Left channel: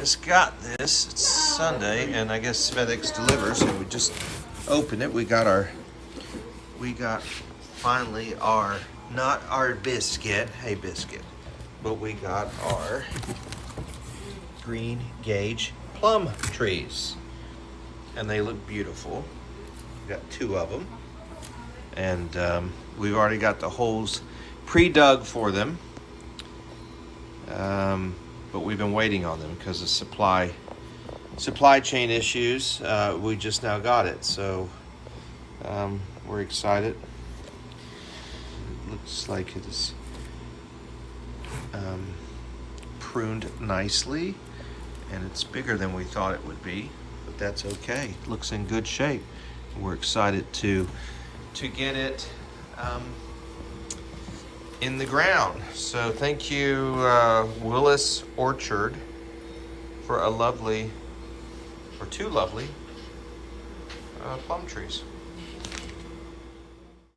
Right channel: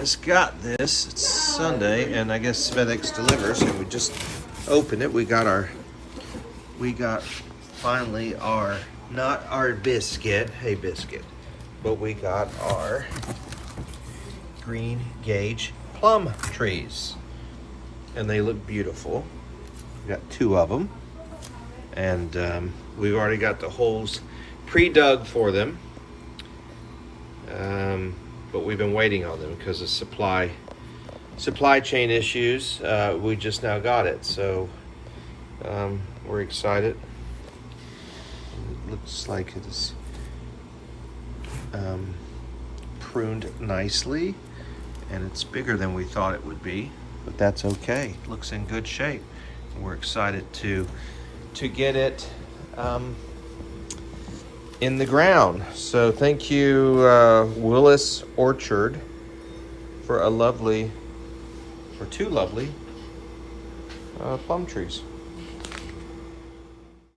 just got this. It's Sunday, and I guess FedEx delivers, and we just opened it. We got finally our, not our biscuit, hey biscuit, but we got our green gauge plum trees. And they look beautiful. We got 2 of them. And we've already got the holes pre-dug for them. But we've been waiting on them because of supply chain issues. We just now got it, so we're excited. It looks like it's pruned nicely, and it's bigger than we thought it would be, but that's okay. It looks in good shape. We're excited to get it in the ground. So thank you, Willis Orchard, for 2 lovely plum trees.